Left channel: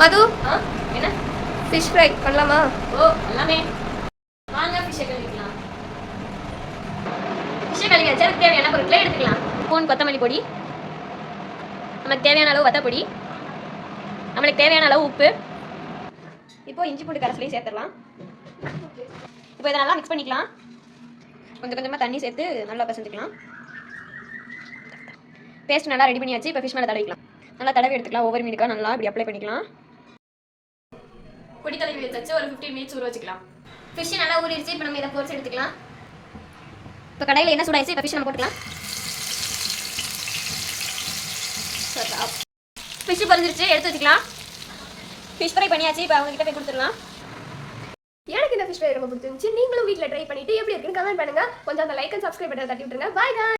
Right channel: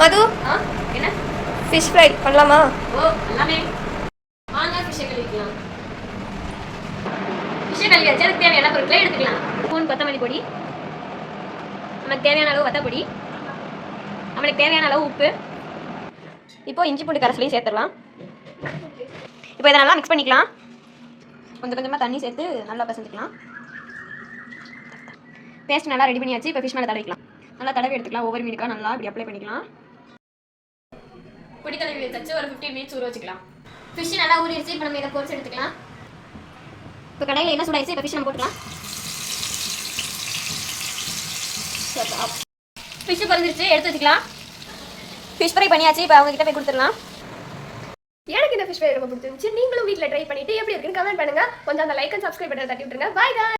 மது என்ன fish fry பண்ணலாமா? ஓ எல்லாமே வாங்க ஃபிஷ்ஷை கழுவிக்கலாம். ஃபிஷ்ஷை கழுவி வச்சு அதுக்கு தேவையான பொருட்களை எடுத்துக்கலாம். ஸ்பூன் கொத்தமல்லி பொடி, நமக்கு தேவையான அளவு வத்தப்பொடி, நம்மளுக்கு தேவையான அளவு உப்பு. இப்போ இஞ்சி பூண்டு கரைசலையும் சேர்த்துடலாம். இப்போ இதை நல்லா மிக்ஸ் பண்ணிக்கலாம். கொஞ்சம் கொஞ்சமாக தண்ணி சேர்த்து நல்லா பசஞ்சிக்கலாம். பேஸ்ட் நல்லா ரெடி பண்ணியாச்சு. இப்போ ஃபிஷ் மேலே தடவிக்கலாம். நல்லா தடவி எடுத்துக்கலாம். ஒவ்வொரு மீனுக்காக நல்லா இப்படி அப்ளை பண்ணிக்கலாம். பொடி தடவி வச்சு ஒரு 15 மினிட்ஸ் ஊற வச்சுக்கலாம். ஃபிஷ் நல்லா ஊறிடுச்சு. இப்போ நம்ம இதை பொரிச்சு எடுத்துக்கலாம். இப்போ கடையில் என்ன சூடாயிடுச்சு. இப்போ ஃபிஷ் நம்ம போட்டுக்கலாம். ஃபிஷ் பொரிஞ்சிருச்சு, எடுத்து வச்சுக்கலாம். ஃபிஷ் ஃப்ரை பண்ணியாச்சு. இப்போ அவங்க கிட்ட போய் கொடுத்துடலாம். எனக்கு இந்த ஃபிஷ் ஃப்ரை ரொம்ப பிடிச்சிருந்துச்சு. நீங்களும் வீட்டில் ட்ரை பண்ணிட்டு எப்படி இருக்குன்னு கமெண்ட் பண்ணுங்க. கொஞ்சம் அந்த லைக் அண்ட் சப்ஸ்கிரைப் பட்டன் தட்டி விட்டுருங்க. பாய்.